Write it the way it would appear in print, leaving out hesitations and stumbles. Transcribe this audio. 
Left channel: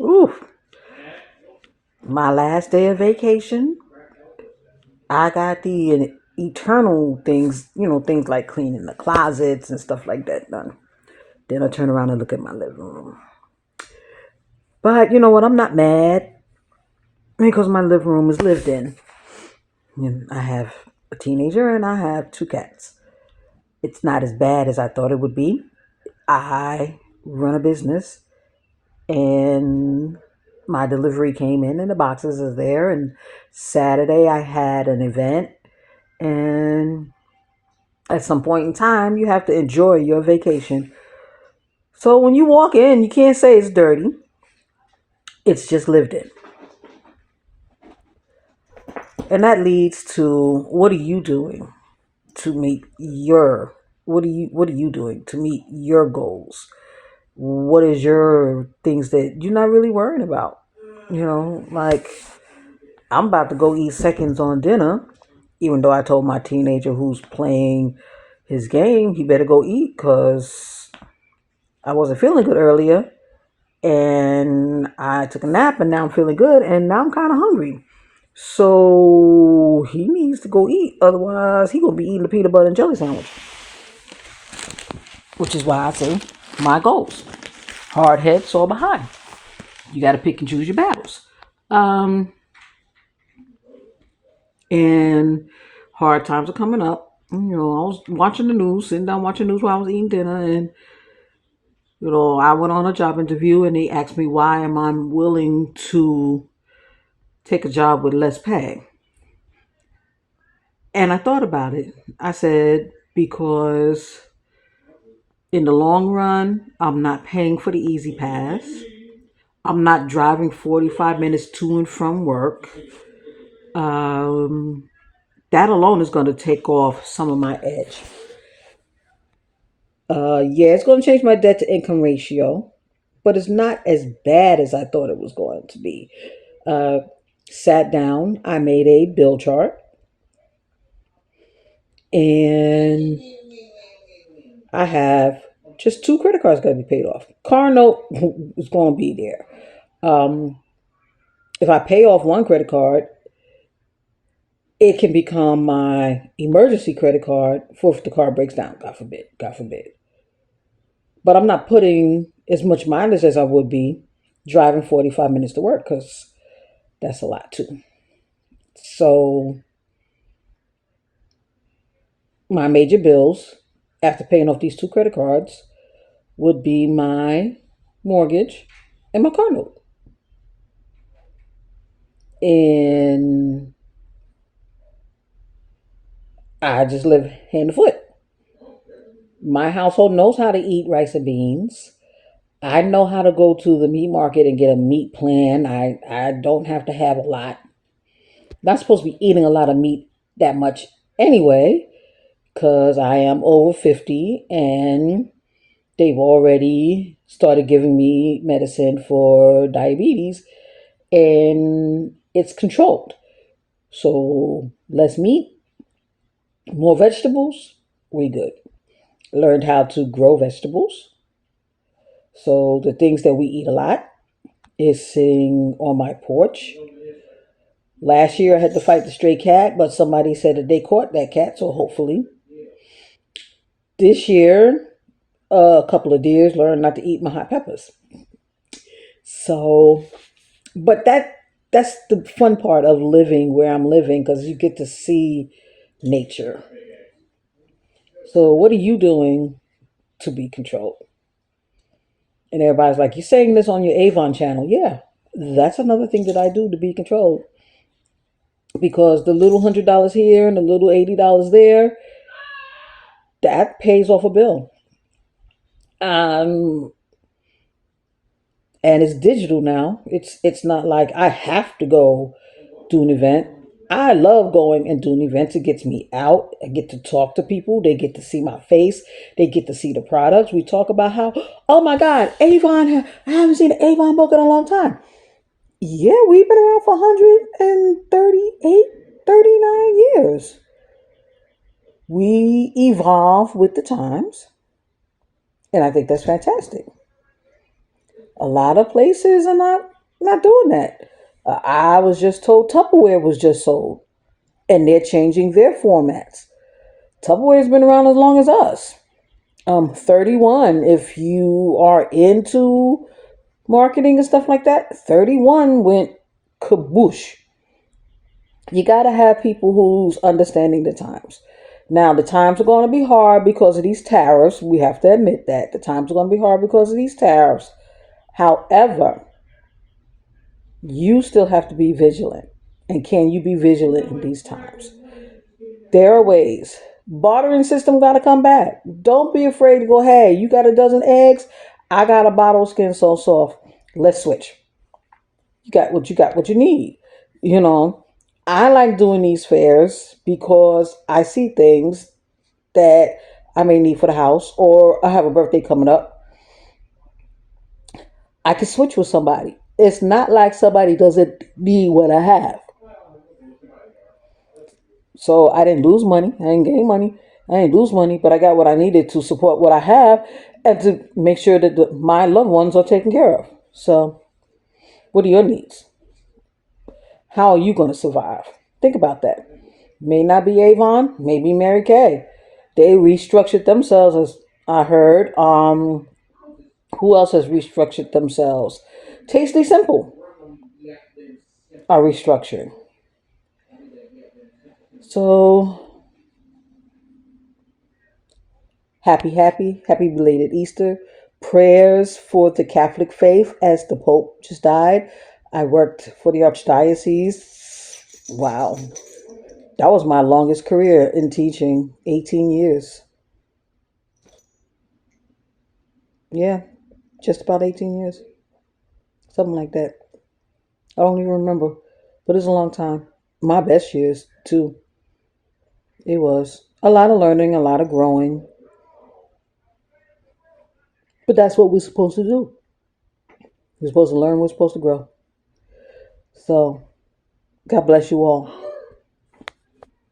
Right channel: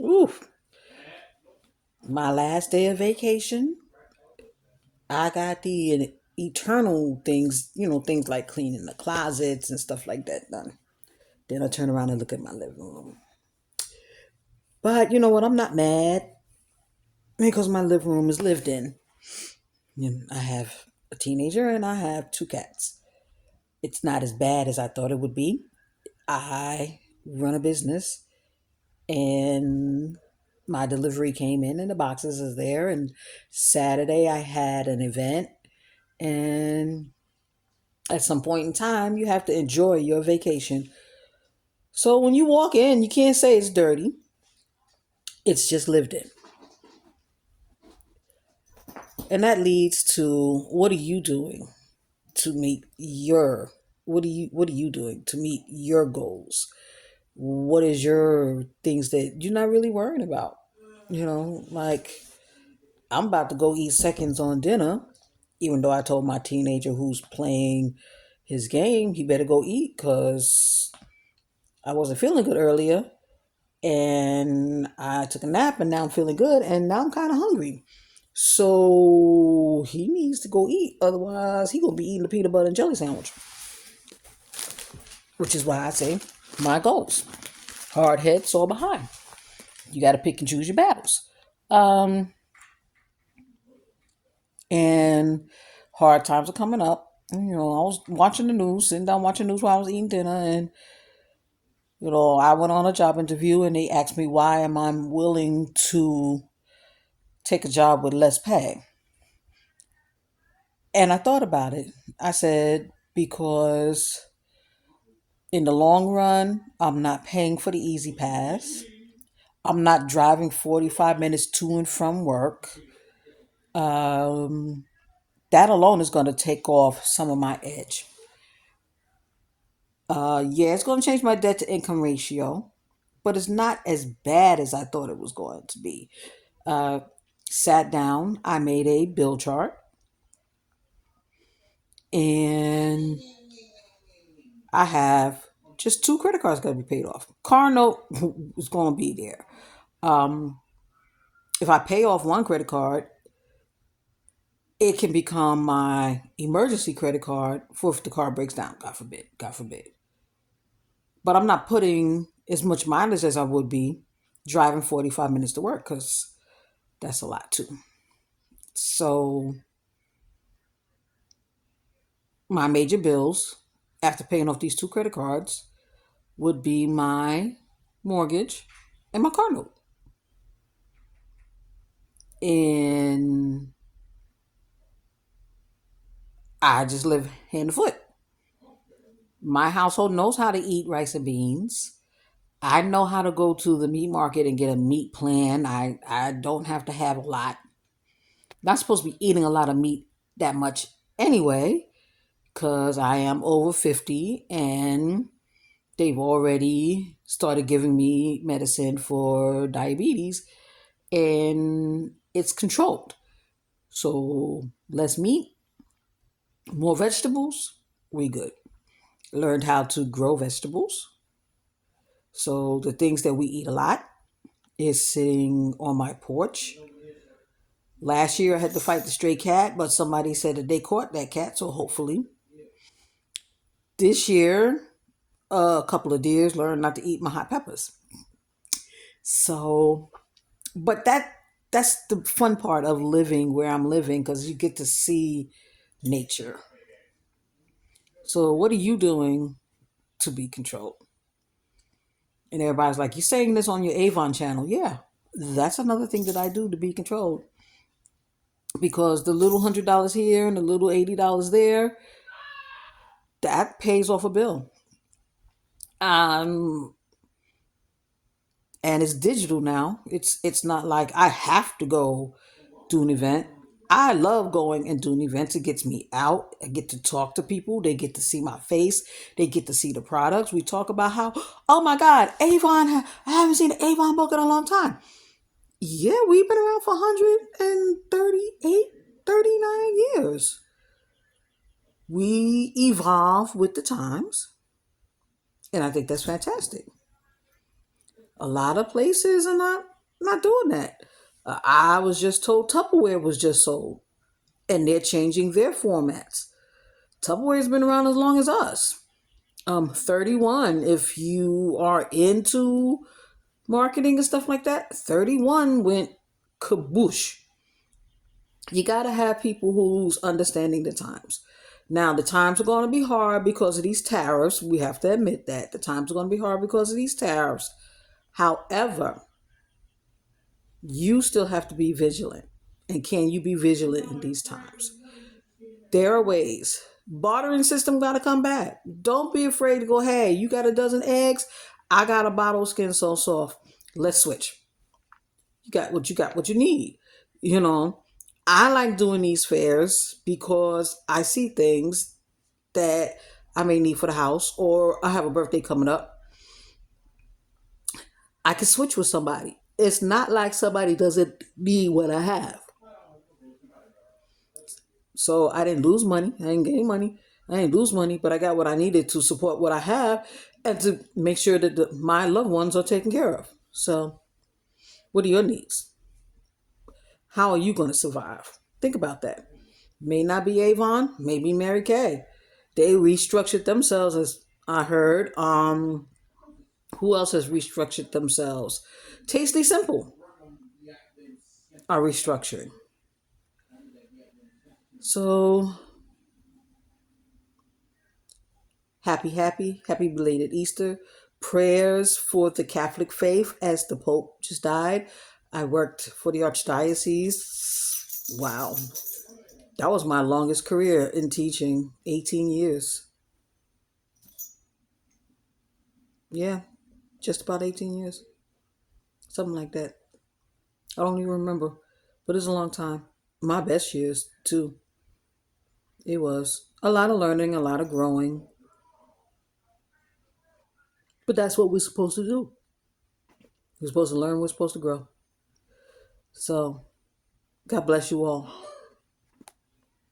Ooh, my last day of vacation, I got the eternal things, things like cleaning the closets and stuff like that done. Then I turn around and look at my living room. But you know what? I'm not mad because my living room is lived in. I have a teenager and I have two cats. It's not as bad as I thought it would be. I run a business and my delivery came in and the boxes is there. And Saturday I had an event, and at some point in time you have to enjoy your vacation. So when you walk in, you can't say it's dirty. It's just lived in. And that leads to, what are you doing to meet your what are you doing to meet your goals? What is your things that you're not really worrying about? Like, I'm about to go eat seconds on dinner, even though I told my teenager who's playing his game he better go eat because I wasn't feeling good earlier, and I took a nap, and now I'm feeling good, and now I'm kind of hungry. So he needs to go eat, otherwise he gonna be eating the peanut butter and jelly sandwich. Which is why I say my goals: hard head, sore behind. You got to pick and choose your battles. Um, and hard times are coming up. I was watching the news, sitting down watching the news while I was eating dinner, and I went on a job interview, and they asked me why am I willing to take a job with less pay. And I thought about it. I said, because in the long run, I'm not paying for the easy pass. I'm not driving 45 minutes to and from work. Um, that alone is going to take off some of my edge. Yeah, it's going to change my debt to income ratio, but it's not as bad as I thought it was going to be. Uh, Sat down, I made a bill chart, and I have just two credit cards got to be paid off. Car note is going to be there. Um, if I pay off one credit card, it can become my emergency credit card for if the car breaks down. God forbid. God forbid. But I'm not putting as much mileage as I would be driving 45 minutes to work because that's a lot too. So my major bills after paying off these two credit cards would be my mortgage and my car note. And I just live hand to foot. My household knows how to eat rice and beans. I know how to go to the meat market and get a meat plan. I don't have to have a lot. Not supposed to be eating a lot of meat that much anyway, because I am over 50 and they've already started giving me medicine for diabetes, and it's controlled. So less meat, more vegetables, we good. Learned how to grow vegetables. So the things that we eat a lot is sitting on my porch. Last year I had to fight the stray cat, but somebody said that they caught that cat, so hopefully. This year, a couple of deers learned not to eat my hot peppers. So, but that's the fun part of living where I'm living because you get to see nature. So, what are you doing to be controlled? And everybody's like, "You're saying this on your Avon channel?" Yeah, that's another thing that I do to be controlled, because the little $100 here and the little $80 there, that pays off a bill. Um, and it's digital now. It's not like I have to go do an event. I love going and doing events. It gets me out. I get to talk to people. They get to see my face. They get to see the products. We talk about how, oh my God, Avon, I haven't seen an Avon book in a long time. Yeah, we've been around for 138, 39 years. We evolve with the times, and I think that's fantastic. A lot of places are not doing that. I was just told Tupperware was just sold, and they're changing their formats. Tupperware's been around as long as us. 31. If you are into marketing and stuff like that, 31 went kaboosh. You got to have people who's understanding the times. Now, the times are going to be hard because of these tariffs. We have to admit that. The times are going to be hard because of these tariffs. However, you still have to be vigilant. And can you be vigilant in these times? There are ways. Bartering system got to come back. Don't be afraid to go, hey, you got a dozen eggs? I got a bottle of Skin So Soft. Let's switch. You got what you need. You know, I like doing these fairs because I see things that I may need for the house, or I have a birthday coming up. I can switch with somebody. It's not like somebody doesn't need what I have. So I didn't lose money. I didn't gain money. I didn't lose money, but I got what I needed to support what I have and to make sure that my loved ones are taken care of. So, what are your needs? How are you going to survive? Think about that. May not be Avon, maybe Mary Kay. They restructured themselves, as I heard. Who else has restructured themselves? Tasty Simple are restructuring. So happy belated Easter. Prayers for the Catholic faith as the Pope just died. I worked for the Archdiocese. Wow. That was my longest career in teaching, 18 years. Yeah, just about 18 years. Something like that. I don't even remember, but it's a long time. My best years, too. It was a lot of learning, a lot of growing, but that's what we're supposed to do. We're supposed to learn, we're supposed to grow. So, God bless you all.